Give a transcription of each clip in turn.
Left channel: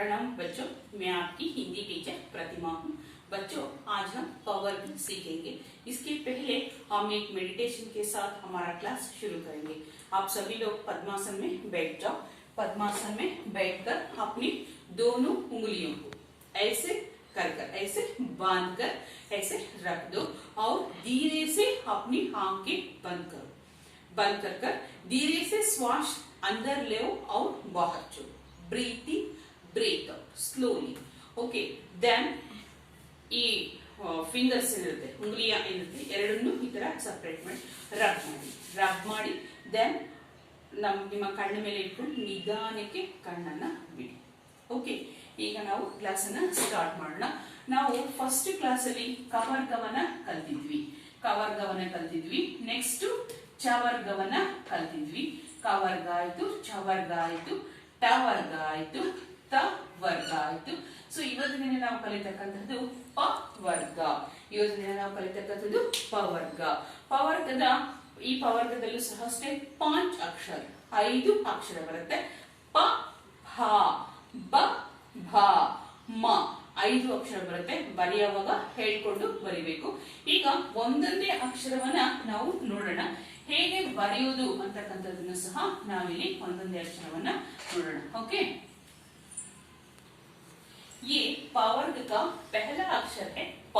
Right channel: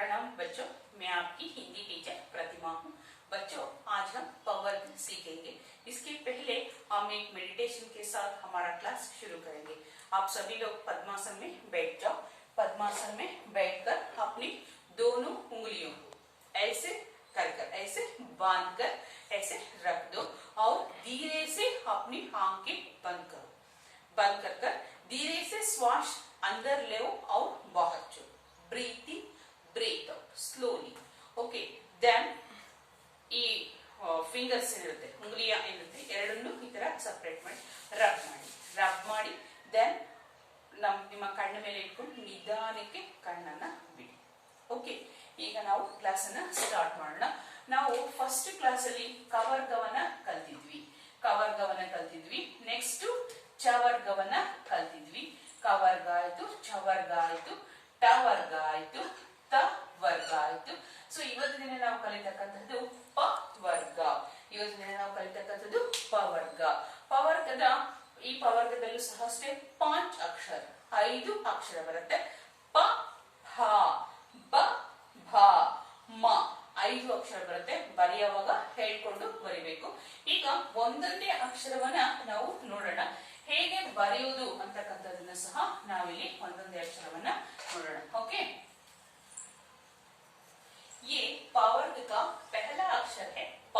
प्रणाम बच्चों, मैं आपकी हिंदी टीचर प्रतिमा हूँ। बच्चों, आज हम पवर्ग सीखेंगे। इसके पहले हम एक मेडिटेशन के साथ हमारा क्लास शुरू करेंगे। आप सभी लोग पद्मासन में बैठ जाओ। पद्मासन में बैठकर अपनी दोनों उंगलियों को ऐसे ऐसे बांध कर ऐसे रख दो और धीरे से अपनी आंखें बंद करो। बंद कर धीरे से श्वास अंदर ले और बाहर छोड़ो। Breathe in, breath out slowly. Okay, then ಈ ಫಿಂಗರ್ಸ್ ಇರುತ್ತೆ, ಉಂಗುಲಿಯ ಇರುತ್ತೆ, ಎರಡನ್ನೂ ಈ ತರ ಸಪರೇಟ್ ಮಾಡಿ ರಬ್ ಮಾಡಿ ದೆನ್ ನಿಮ್ಮ ಕಣ್ಣ ಮೇಲೆ ಇಟ್ಕೊಂಡು ನಿಧಾನಕ್ಕೆ ಕಣ್ಣನ್ನ ಬಿಡಿ. ಓಕೆ, ಈಗ ನಾವು ಕ್ಲಾಸ್ ಅನ್ನ ಸ್ಟಾರ್ಟ್ ಮಾಡೋಣ. ನಾವು ಫಸ್ಟ್ ಕ್ಲಾಸ್ ಅಲ್ಲಿ ಕವರ್ಗವನ್ನ ಕಲ್ತಿದ್ವಿ. ನೆಕ್ಸ್ಟ್ ಚವರ್ಗವನ್ನ ಕಲ್ತಿದ್ವಿ. ಕವರ್ಗ ಆಯ್ತು, ಚವರ್ಗ ಆಯ್ತು, ಟವರ್ಗ ಆಯ್ತು, ವರ್ಗ ಆಯ್ತು. ಸೊ ಇವತ್ತಿನ ದಿನ ನಾವು ಕಲಿತಕ್ಕಂಥದ್ದು ಪವರ್ಗ. ಪವರ್ಗದ ಈ ಪವರ್ಗದಲ್ಲೂ ಸಹ ಅಷ್ಟೇ 5 ಅಕ್ಷರ ಬರುತ್ತೆ. ಪ, ಭ, ಬ, ಭ, ಮ 5 ಅಕ್ಷರ ಬರುತ್ತೆ. ಬರೆಯುವಾಗ ಹೇಳ್ಕೊಂಡು ಬರಿಬೇಕು. ಈಗ ಒಂದೊಂದೇ ಅಕ್ಷರವನ್ನ ನಾವು ನೋಡೋಣ. ಹೇಗೆ ಬರೆಯುವುದು ಅಂತಕ್ಕಂಥದನ್ನ ಸಹ ನಾವಿಲ್ಲಿ ಒಂದೊಂದೇ ಅಕ್ಷರವನ್ನ ನೋಡೋಣ. ಓಕೆ, ये पवर्ग का पहला अक्षर है प.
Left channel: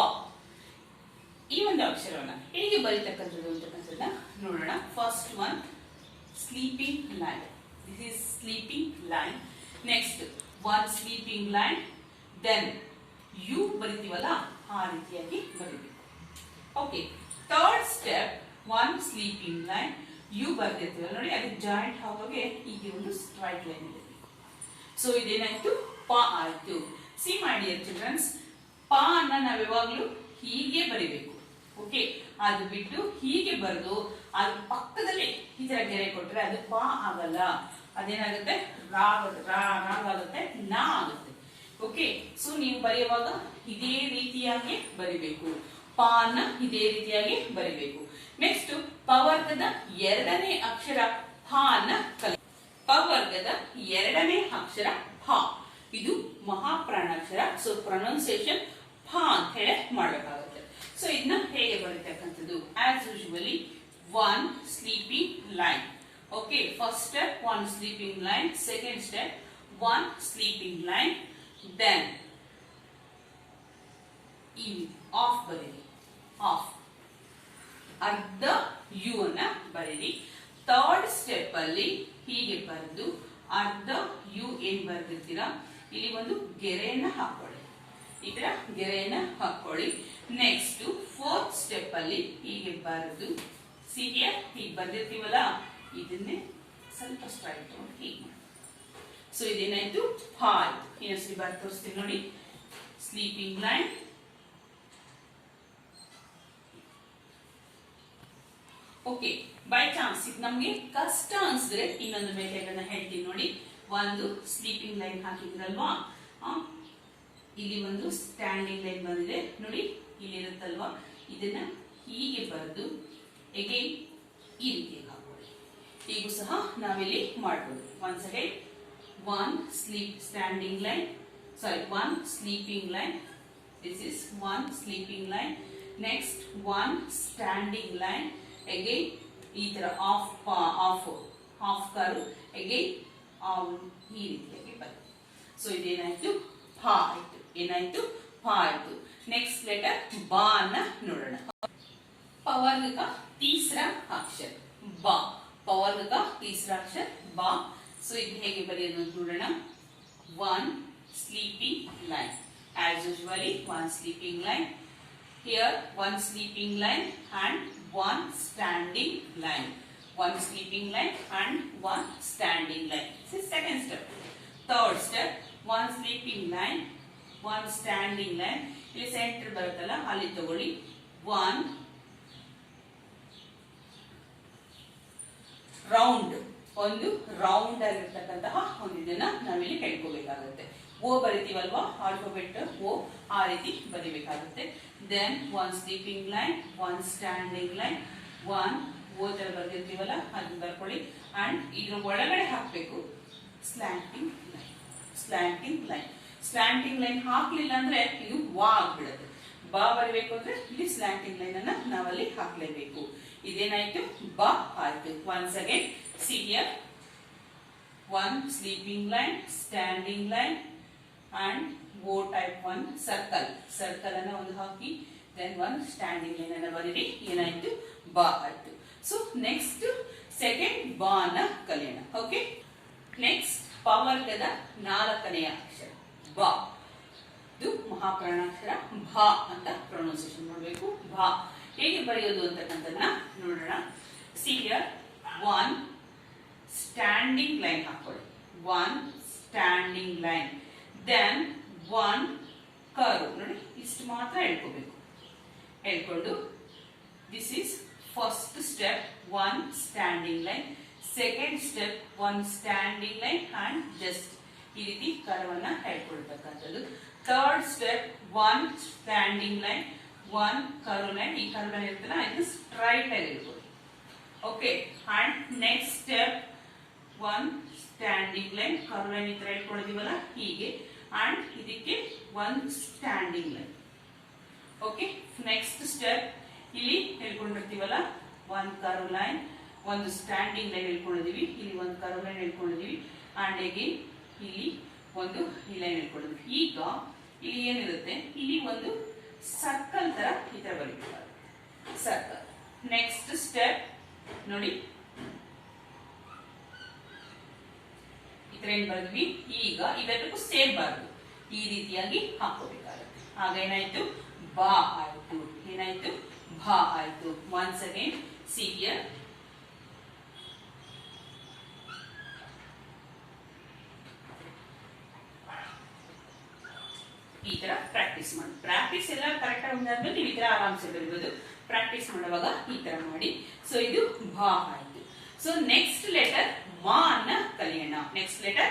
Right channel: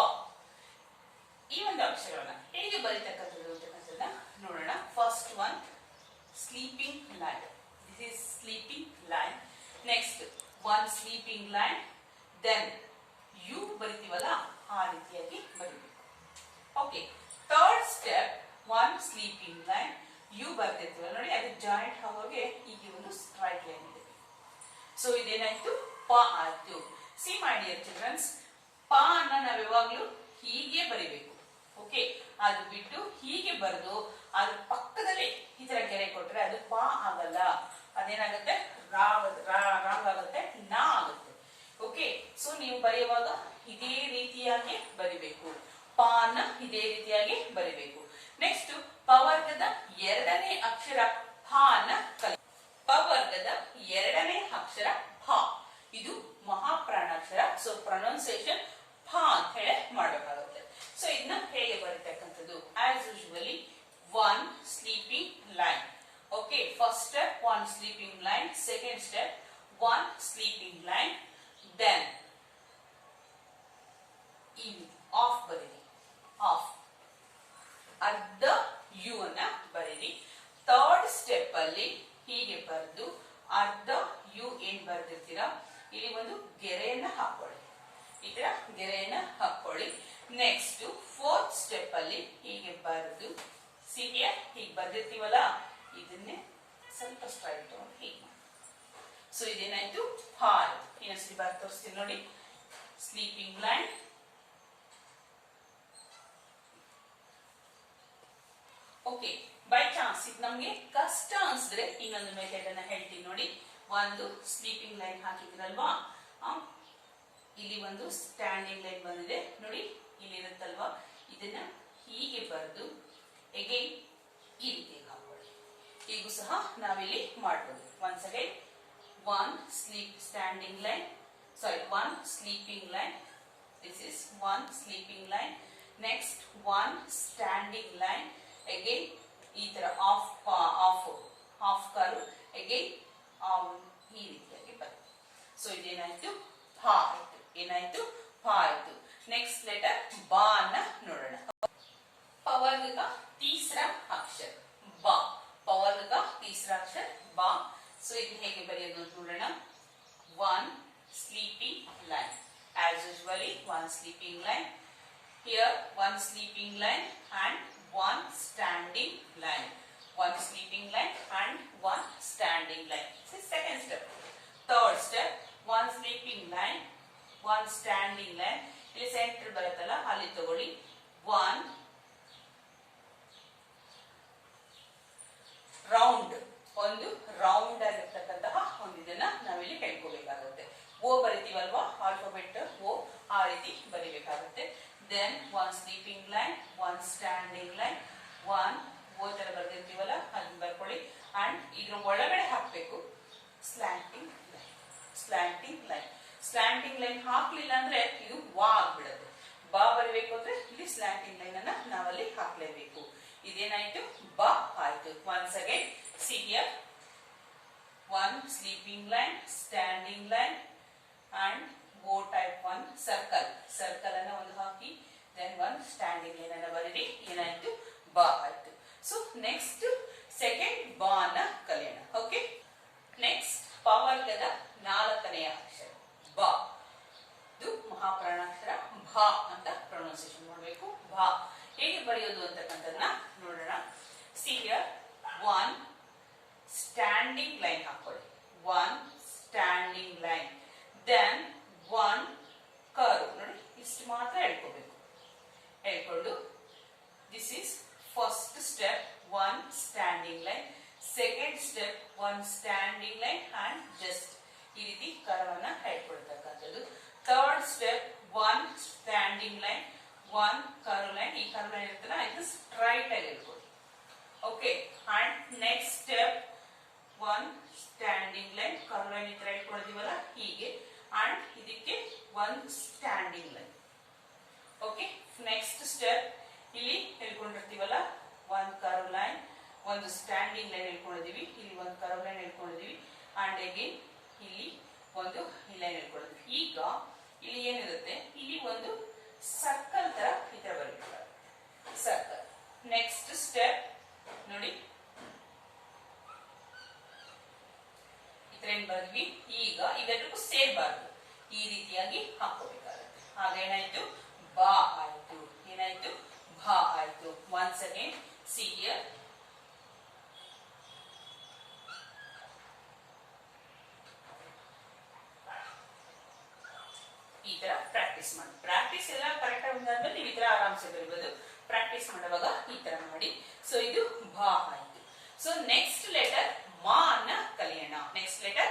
ಈ ಒಂದು ಅಕ್ಷರವನ್ನ ಹೇಗೆ ಬರೀತಕ್ಕಂಥದ್ದು ಅಂತಕ್ಕಂಥದ್ದನ್ನ ನೋಡೋಣ. First one sleeping line. This is sleeping line. Next one sleeping line, then U ಬರಿತೀವಲ್ಲ ಆ ರೀತಿಯಾಗಿ ಬರೀಬೇಕು. Okay, third step one sleeping line, U ಬರ್ದಿರ್ತೀವಲ್ಲ ನೋಡಿ, ಅದು ಜಾಯಿಂಟ್ ಆಗೋಗೆ ಈಗ ಒಂದು ಸ್ಟ್ರೈಟ್ ಲೈನ್ ಇದೆ. ಸೊ ಇದೇನಾಯ್ತು, ಪ ಆಯ್ತು. ಸಿ ಮೈ ಡಿಯರ್ ಚಿಲ್ಡ್ರನ್ಸ್, ಪ ಅನ್ನ ನಾವು ಯಾವಾಗ್ಲೂ ಹೀಗೆ ಬರಿಬೇಕು. ಓಕೆ, ಅದು ಬಿಟ್ಟು ಹೀಗೆ ಬರೆದು ಅದ್ರ ಪಕ್ಕದಲ್ಲಿ ಈ ತರ ಗೆರೆ ಕೊಟ್ರೆ ಅದು ಪ ಆಗಲ್ಲ. ಅದೇನಾಗುತ್ತೆ, ರಾಗ್ ಆಗುತ್ತೆ, ನಾ ಆಗುತ್ತೆ. ಓಕೆ, ಸೊ ನೀವು ಬರೆಯುವಾಗ ಇದೇ ರೀತಿಯಾಗಿ ಬರಿಬೇಕು. ಪ ಅನ್ನ ಇದೇ ರೀತಿಯಾಗಿ ಬರಿಬೇಕು. ನೆಕ್ಸ್ಟ್ ಪವರ್ಗದ ಎರಡನೇ ಅಕ್ಷರ ಫ ಅನ್ನ ಕಲಿ. ಪವರ್ಗದ ಎರಡನೇ ಅಕ್ಷರ ಫ, ಇದು ಮಹಾಪ್ರಾಣಾಕ್ಷರ. ಸೊ ಪ್ರೊನೌನ್ಸಿಯೇಷನ್ ಫ ಅಂತ ಹೇಳಿ ಮಾಡಬೇಕಾಗುತ್ತೆ. ಸೊ ಇದನ್ನ ಹೇಗೆ ಬರೀತಕ್ಕಂಥದ್ದು, as usually one sleeping line. Okay, first step one sleeping line, second step one sleeping line, then ಈ ಆಫ್ ಬರೀರಿ, ಆಫ್ ಅರ್ಧ ಯು ಅನ್ನ ಬರೀರಿ. ಥರ್ಡ್ ಸ್ಟೆಪ್ ಅಲ್ಲಿ ಹೀಗೆ ಬರೆದು ಅರ್ಧ ಯು ಏನ್ ಬರ್ದಿರ್ತೀರಾ ಇಲ್ಲಿ ಒಂದು ಗೆರೆಯನ್ನ ಹಾಕೊಳ್ಳಿ, ಈ ತರ ಗೆರೆಯನ್ನ ಹಾಕೊಳ್ಳಿ. ನೆಕ್ಸ್ಟ್ ಫೋರ್ತ್ ಸ್ಟೆಪ್ ಅಲ್ಲಿ ಹೀಗೆ ಬರೆದು ಹೀಗೆ ಬರ್ದಿರ್ತೀವಲ್ಲ, ಇದನ್ನೇ ಸ್ವಲ್ಪ ಸ್ಟ್ರೈಟ್ ತಗೊಂಡು ಹೀಗೆ ಮಾಡಿ. ಸೊ ಇದೇನಾಯ್ತು, ಫ ಆಯ್ತು. ಇನ್ನೊಂದ್ಸರಿ ಬರ್ ತೋರಿಸ್ತೀನಿ ನೋಡಿ. Sleeping line, okay. By chance ಇದು ನಮ್ಗೆ ಕಷ್ಟ ಅನ್ಸಿದ್ರೆ ಇನ್ನೊಂದು ಮೆಥಡ್ ಅನ್ನ ಹೇಳ್ತೀನಿ ನೋಡಿ. ಒಂದು ಸ್ಲೀಪಿಂಗ್ ಲೈನ್ ಹಾಕಿದಿರಲ್ವಾ, ಇಲ್ಲಿ ಒಂದು ಸ್ಟ್ಯಾಂಡಿಂಗ್ ಲೈನ್ ಬಂದಿದೆ ನೋಡಿ, ಇಲ್ಲಿ ಇರುತ್ತಲ್ವಾ, ಇದನ್ನ ಹೀಗೆ ಬರೆದು ಅಗೈನ್ ಈ ರೀತಿಯಾಗಿ ಹಾಕೊಳ್ಳಿ. ಈಗೂ ಸಹ ನಾವಿಲ್ಲಿ ಮಾಡಬಹುದು. Once again one standing line, sorry one sleeping line, this is one sleeping line. Next one standing line, again ಈ ತರ ಆಫ್ ಕಾರು, ಅಗೈನ್ ಈ ರೀತಿಯಾಗಿ ಬರುತ್ತೆ. ಸೊ ಇದೇನಾಯ್ತು, ಫ ಆಯ್ತು. ಏನಾಯ್ತು, ಫ ಆಯ್ತು. ನೆಕ್ಸ್ಟ್ ಲೆಟರ್ ಬಾ ಅನ್ನ ನೋಡೋಣ. ಪವರ್ಗ का तीसरा अक्षर बा. पवर्ग का तीसरा अक्षर बा. ಸೊ ಇದು ಹೇಗೆ ಬರೆಯೋದು ಅಂತ ನೋಡೋಣ. One sleeping line, as usually one sleeping line, here one sleeping line and one standing line. One sleeping line and one standing line. This is second step. Third step, one sleeping line, one standing line. ಇಲ್ಲಿ centre ಬರುತ್ತಲ್ಲ ಅಲ್ಲಿ ತಗೊಳ್ಳಿ. One round, ಒಂದು round ಆಗಿರ್ತಕ್ಕಂತಹ ಒಂದು ಇದನ್ನ ನಾವಿಲ್ಲಿ ಹೇಳ್ಕೋಬೇಕಾಗುತ್ತೆ. ಓ ಬರಿತೀವಲ್ವಾ, alphabet O, ಆ ರೀತಿ ಬರಿಬೇಕಾಗುತ್ತೆ. Then one sleeping line, one standing line, one O ತರ ಬರ್ದಿರ್ತೀವಲ್ಲ ಅದನ್ನ ಬರ್ಕೊಳ್ಳಿ. ಅಂಡ್ ಇದ್ರ ಒಳಗಡೆ ಹಾಕ್ಬೇಕು slanting line. Slanting line. Slanting line ಹಾಕ್ಲಿಲ್ಲ ಅಂದ್ರೆ ಇದು ವಾ ಆಗ್ಬಿಡುತ್ತೆ. ಬಾ ಬರಿಬೇಕು ಅಂದ್ರೆ ಇಲ್ಲಿ ಸ್ಲ್ಯಾಂಟಿಂಗ್ ಲೈನ್ ಅನ್ನ ನಾವಲ್ಲಿ ಹಾಕ್ಲೇಬೇಕು. ಇದೇನಾಯ್ತು? ಬಾ ಆಯ್ತು. Once again see here, one sleeping line, standing line and O type one circle. Circle ಅನ್ನ ಒಂದು ಹಾಕಿ then one standing line ಅನ್ನ ಬರೀರಿ. ಏನಾಯ್ತು? ಬಾ ಆಯ್ತು. ಸೊ ನೆಕ್ಸ್ಟ್ ಸೆಕೆಂಡ್ ಬಾ ಅನ್ನ ಕಲಿಯೋಣ. ಓಕೆ, ನೆಕ್ಸ್ಟ್ ಪವರ್ಗದ ನಾಲ್ಕನೆಯ ಅಕ್ಷರ ಬಾ. ಇದು ಮಹಾಪ್ರಾಣಾಕ್ಷರ ಭಾ ಅಂತ ಪ್ರೊನೌನ್ಸಿಯೇಷನ್ ಮಾಡಬೇಕು. ಭಾ ಹೇಗೆ ಬರೆಯೋದು ಅಂತಕ್ಕಂಥದ್ದನ್ನ ನೋಡೋಣ. See here, one standing line ಹಾಕೊಳ್ಳಿ. One standing line, then one curve. ನೋಡಿ ಇಷ್ಟು ಮಾತ್ರ ಹೇಳ್ಕೋಬೇಕು. ಹೇಳ್ಕೊಂಡು this is first step, one standing line. Second step, one standing line and just ಈ ರೀತಿ ಕರ್ವನ್ನ ಹೇಳ್ಕೊಳ್ತಕ್ಕಂಥದ್ದು. Third step, one standing line, one curve line. ಈ ಕರ್ವ್ ಲೈನ್ ಇರ್ತಲ್ಲ ಇದು ಸ್ಟ್ರೈಟ್ ಆಗಿ ಹೇಳ್ಕೊಳ್ಳಿ. Okay, and next step, one standing line, curve line ಈ ತರ ಹೇಳ್ಕೊಂಡಿದೀವಲ್ಲ ಹೀಗೆ, ಅಂಡ್ ಇದಕ್ಕೆ one standing line. Okay, next step ಇಲ್ಲಿ ಹೇಳ್ಕೊಂಡಿರ್ತೀವಲ್ಲ ಒನ್ ಕರ್ವ್ ಲೈನ್, ಒಂದು ಸ್ಟ್ಯಾಂಡಿಂಗ್ ಲೈನ್ ಹೇಳ್ಕೊಂಡಿದೀವಿ, ಇಲ್ಲಿ ಒಂದು ಕರ್ವ್ ಲೈನ್ ಹೇಳ್ಕೊಂಡಿದೀವಿ, ಅಂಡ್ ಅಗೇನ್ ಇಲ್ಲಿ ಒಂದು ಲೈನ್ ಹೇಳ್ಕೊಂಡಿದೀವಿ. ಈಗ ಇಲ್ಲಿ ಏನಿರುತ್ತೆ, ಇಲ್ಲಿ ಒಂದು ಸರ್ಕಲ್ ತರ ಈ ತರ ಬರೀಬೇಕಾಗುತ್ತೆ, ಸರ್ಕಲ್. ನೆಕ್ಸ್ಟ್ ಸ್ಟೆಪ್ ನೋಡಿ ಏನ್ ಬರೆದ್ವಿ. ಈಗ ಇವೆಲ್ಲಕ್ಕೂ ಸೇರ್ಬಾರ್ದು, ಈ ರೀತಿಯಾಗಿ ಹಾಕೋಬೇಕಾಗುತ್ತೆ. ಆಗ ಏನಾಯ್ತು? ಬಾ ಆಯ್ತು. ಏನಾಯ್ತು? ಭಾ ಆಯ್ತು. ಒನ್ಸ್ ಅಗೇನ್ ಸಿ ಹಿಯರ್, ಈ ತರ ಪ್ರಾಕ್ಟೀಸ್ ಮಾಡಿ. ಪ್ರಾಕ್ಟೀಸ್ ಎಲ್ಲ ಕರೆಕ್ಟ್ ಆಗಿ ಒಂದಾದ್ಮೇಲೆ ನೀವು ಈ ತರ ಆರಾಮ್ಸೆ ಬರೀಬಹುದು. ಪ್ರಾಕ್ಟೀಸ್ ಮಾಡುವಾಗ ಈ ತರ ಮಾಡಿ. ಸೊ ಇದು ಭಾ ಆಯ್ತು. ಸೊ ನೆಕ್ಸ್ಟ್ ಲೆಟರ್ ಮಾ ಅನ್ನ ಕಲಿಯೋಣ. ನೆಕ್ಸ್ಟ್ ಲೆಟರ್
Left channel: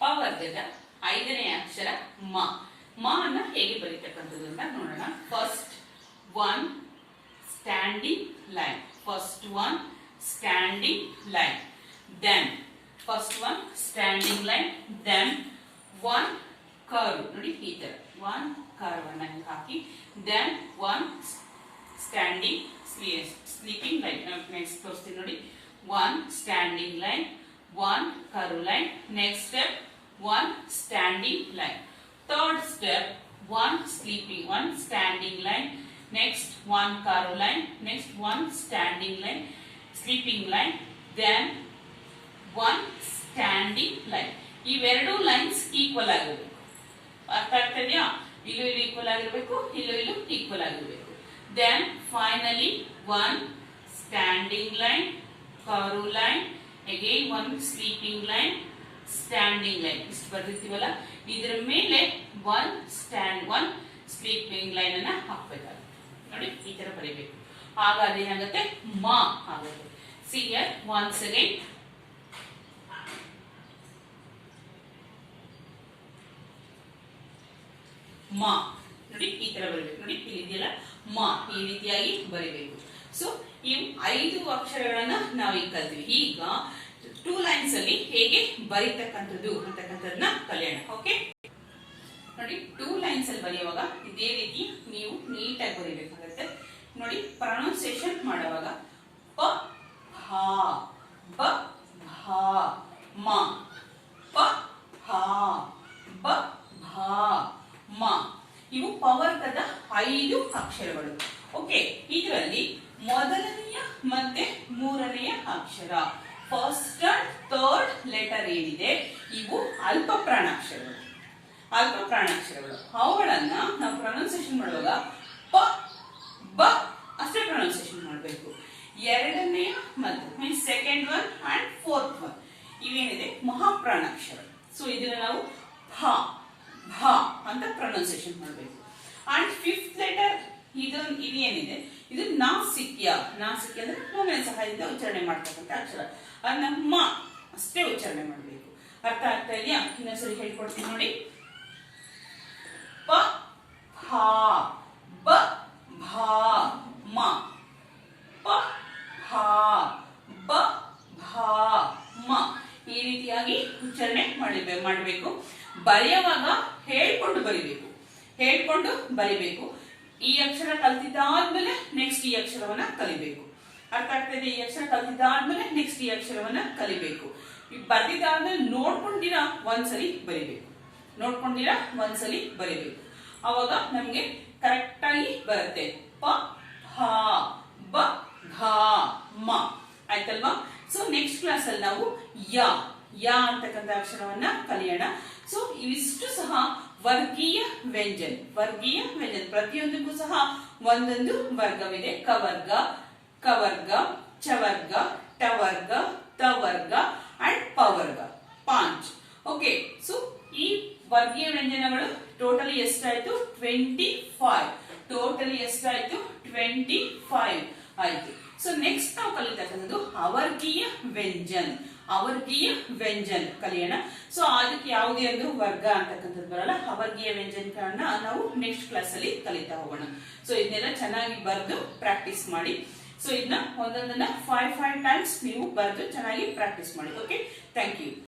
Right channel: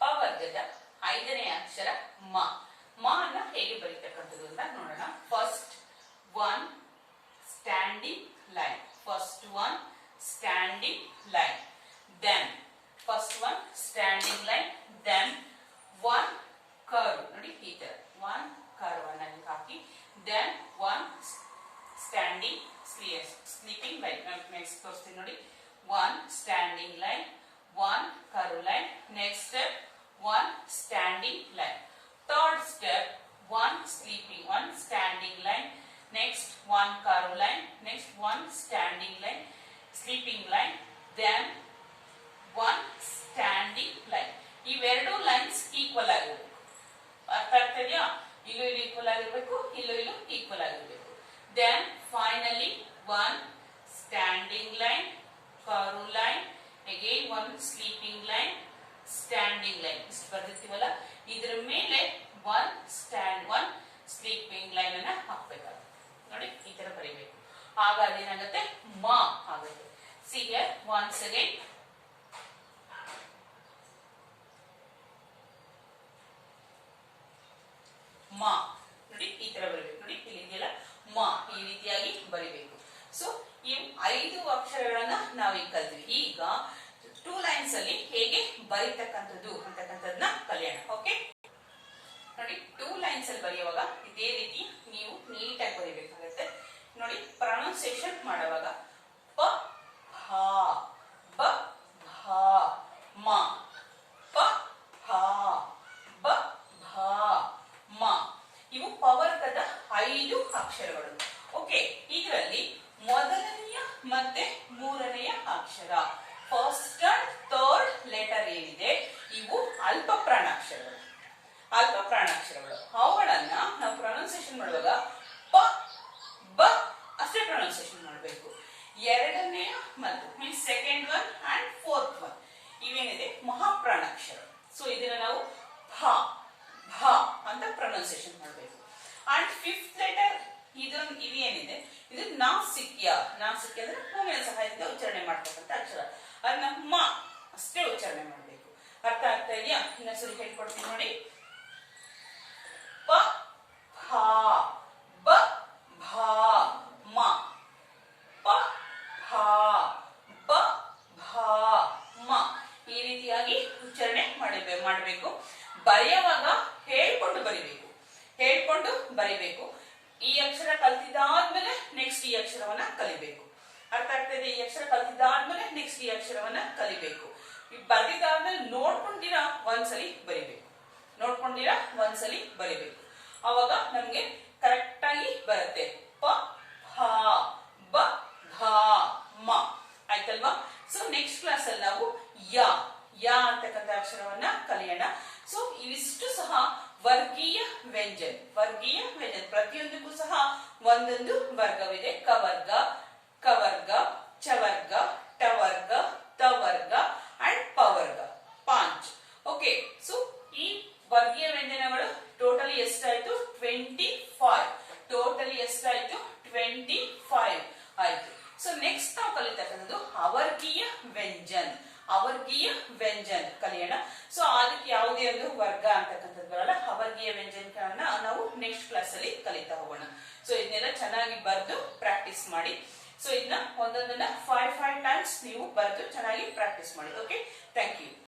ಪವರ್ಗದ ಐದನೇ ಅಕ್ಷರ ಮಾ. ಮಾ ಅನ್ನ ಹೇಗೆ ಬರೀತಕ್ಕಂಥದ್ದು ಅಂತ ನೋಡೋಣ. First one standing line, first one standing line, then first one standing line, then one curve. ನೋಡಿ ಈ ತರ ಒನ್ ಕರ್ವ್ ಅನ್ನ ಹಾಕಿ, then one standing sleeping line. Next ತೋರಿಸ್ತೀನಿ ನೋಡಿ. One standing line, one curve line. Next step, one standing line. Third step, one sleeping, one standing line. Next, one curve line. Next, one standing line, sleeping line. Then, one standing line. ಇವೆರಡು lines equal ಆಗಿರಬೇಕು. ಅರ್ಥ ಆಗ್ತಿದೆಯಾ? ಇಲ್ಲೂ ಇಲ್ಲಿ equal ಆಗಿರಬೇಕು, ಇಲ್ಲೂ equal ಆಗಿರಬೇಕು. Then, finally, one standing line, curve line, again one sleeping line, standing line. ಇಷ್ಟು ಬರ್ದಿರ್ತೀವಲ್ಲ, ಇದರ ಮೇಲೆ ಒನ್ ಸ್ಲೀಪಿಂಗ್ ಲೈನ್ ಅನ್ನ ಹಾಕ್ಬೇಕಾಗುತ್ತೆ. ನೋಡಿ ಈ ತರ ಬರೀಬೇಕು. ಆಗ ಅದೇನಾಗುತ್ತೆ? ಮಾ ಆಗುತ್ತೆ. ಸಿ ಹಿಯರ್ ಒನ್ಸ್ ಅಗೈನ್, ಮಾ. ನೋಡಿ ಈ ತರ ಬರೀಬೇಕು. ನೋಡಿ ಇಲ್ಲಿ ಇದೆಯಲ್ಲ ಮಾ, ಈ ರೀತಿಯಾಗಿ ಬರೀಬೇಕು. ಸೊ ಈ 5 ಅಕ್ಷರಗಳನ್ನ ನಾವೀಗ ಕಲ್ತೀವಿ. ಈಗ 2 ಲೈನ್ಸ್ ಅಲ್ಲಿ ಹೇಗೆ ಬರೀತಕ್ಕಂಥದ್ದು ಅಂತಕ್ಕಂಥದ್ದನ್ನ ಕಲಿಯೋಣ. ಓಕೆ, ನೋಡಿ 2 ಲೈನ್ಸ್ ಅಲ್ಲಿ ಬರೆಯುವಾಗ ಇದೇ ರೀತಿ ನೀವು ನೀಟಾಗಿ ಬರೀಬೇಕಾಗುತ್ತೆ. ನೋಡಿ ಪ್ರೊನೌನ್ಸಿಯೇಷನ್ ಮಾಡುವಾಗ ಪ ಭಾ, ಬ ಭಾ, ಮ, ಪ ಭಾ, ಬ ಭಾ, ಮ. ಇವು ಪವರ್ಗದ 5 ಅಕ್ಷರಗಳು. ಓಕೆ, ಇದರಲ್ಲಿ ಮೊದಲನೆಯ ಮತ್ತೆ ಮೂರನೆಯ ಅಕ್ಷರ, ಫಸ್ಟ್ ಅಂಡ್ ಥರ್ಡ್ ಲೆಟರ್ ಏನಿದೆ ಇವು ಅಲ್ಪ ಪ್ರಾಣಾಕ್ಷರಗಳು. ಅಲ್ಪ ಪ್ರಾಣಾಕ್ಷರಗಳು ಅವುಗಳನ್ನ ನಾವು ಪ್ರೊನೌನ್ಸಿಯೇಷನ್ ಮಾಡುವಾಗ ಪ ಬ ಅಷ್ಟೇ ಪ್ರೊನೌನ್ಸಿಯೇಷನ್ ಮಾಡಬೇಕು. ಎರಡನೆಯ ಮತ್ತು means second one and fourth one ಇವೇನಿದೆ ಮಹಾಪ್ರಾಣಾಕ್ಷರ. ಸೊ ಇದನ್ನ ನಾವು ಭಾ ಭಾ ಅಂತ ಪ್ರೊನೌನ್ಸಿಯೇಷನ್ ಮಾಡಬೇಕು. ಅಂಡ್ ಫಿಫ್ತ್ ಲೆಟರ್ ಇದೇನಿದೆ ಇದು ನಾಸಿಕ್ಯ. ನಾಸಿಕ್ಯ ಅಂದ್ರೆ ಮೂಗಿನ ಸಹಾಯದಿಂದ ಉಚ್ಚಾರಣೆ ಮಾಡ್ತಕ್ಕಂಥ ಅಕ್ಷರ. ಅದನ್ನ ಮ ಅಷ್ಟೇ ಉಚ್ಚಾರಣೆ ಮಾಡಬೇಕು. ಅರ್ಥ ಆಗ್ತಾ ಇದೆಯಾ? ಇನ್ನೊಂದ್ಸರಿ ಹೇಳ್ಕೊಡ್ತೀನಿ ನೋಡಿ. ಪ ಭಾ, ಬ ಭಾ, ಮ, ಪ ಭಾ, ಬ ಭಾ, ಮ. ಈ ರೀತಿಯಾಗಿ ಉಚ್ಚಾರಣೆ ಮಾಡಬೇಕು. ಬರೆಯುವಾಗ ಹೇಳ್ಕೊಂಡು ಬರಿಬೇಕು, ಹೇಳ್ಕೊಂಡು ಬರಿಬೇಕು. ಈ ಅಕ್ಷರ ಕಲ್ತಿದ್ದಾದ್ಮೇಲೆ ನೆಕ್ಸ್ಟ್ ಈ ಅಕ್ಷರವನ್ನ ಕಲಿಬೇಕು. ಅರ್ಥ ಆಗ್ತದೆ? ಈ ಅಕ್ಷರ ಕಲ್ತಿದ್ದಾದ್ಮೇಲೆ ನೆಕ್ಸ್ಟ್ ಈ ಅಕ್ಷರವನ್ನ ಕಲಿಬೇಕು. ಈ ಬರ್ದಿದ್ದಾದ್ಮೇಲೆ ನೋಡ್ಕೊಂಡಿರಾ ಒಂದ್ಸಲಿ ಬರಿಬೇಕು, ನೋಡ್ಕೊಂಡಿರಾ ಒಂದ್ಸಲಿ ಬರಿಬೇಕು. ಅವಾಗ ನಮ್ಗೆ ಕರೆಕ್ಟ್ ಆಗಿ ಬರುತ್ತೆ. ಪ ಹ ಬ ಘ ಮ ಆಯ್ತಲ್ವಾ? ಸೊ ನೆಕ್ಸ್ಟ್ ಕ್ಲಾಸ್ ಅಲ್ಲಿ ನಾವು ಯ ಯ ಅಂತಕ್ಕಂಥ ಅಕ್ಷರವನ್ನ ಕಲಿಯೋಣ. ಸೊ ಇವಿಷ್ಟು ಸಹ ವರ್ಗೀಯ ವ್ಯಂಜನ, ವರ್ಗೀಯ ವ್ಯಂಜನ. ಪ್ರತಿಯೊಂದಕ್ಕೂ ಸಹ ಒಂದೊಂದು ವರ್ಗವಿದೆ. ಕವರ್ಗ, ಕವರ್ಗ, ಚವರ್ಗ, ಟವರ್ಗ, ತವರ್ಗ ಅಂಡ್ ಪವರ್ಗ, ಪಾಂಚ್. ಓಕೆ, ಸೊ ಈ ವರ್ಗೀಯ ವ್ಯಂಜನಗಳು ಟೋಟಲಿ ಎಷ್ಟಾಯ್ತು? 25. ಟೋಟಲಿ ಎಷ್ಟಾಯ್ತು? 25 ಆಯ್ತು. ಸೊ ನೆಕ್ಸ್ಟ್ ನಾವು ಕಲಿತಕ್ಕಂಥದ್ದು ಅವರ್ಗೀಯ ವ್ಯಂಜನ್. ಅವರ್ಗೀಯ ವ್ಯಂಜನ್ ಕಲಿಯೋಣ. ಸೊ ಅದಕ್ಕೆ ಯಾವುದೇ ಒಂದು ವರ್ಗ ಅಂತಕ್ಕಂಥದ್ದು ಬರಲ್ಲ. ಅವರ್ಗೀಯ ವ್ಯಂಜನಗಳನ್ನ ನಾವು ನೆಕ್ಸ್ಟ್ ಕ್ಲಾಸ್ ಅಲ್ಲಿ ಕಲಿತಾ ಹೋಗೋಣ. ಸೊ ಇದನ್ನೆಲ್ಲ ಚೆನ್ನಾಗಿ ಬರೆದು ಪ್ರಾಕ್ಟೀಸ್ ಮಾಡಿ. ಸೊ ಇದನ್ನ ಒಂದೊಂದನ್ನ 5 ಟೈಮ್ಸ್ ನೀವು ಬರೆದು ಚೆನ್ನಾಗಿ ಪ್ರಾಕ್ಟೀಸ್ ಮಾಡಿ. Okay, thank you.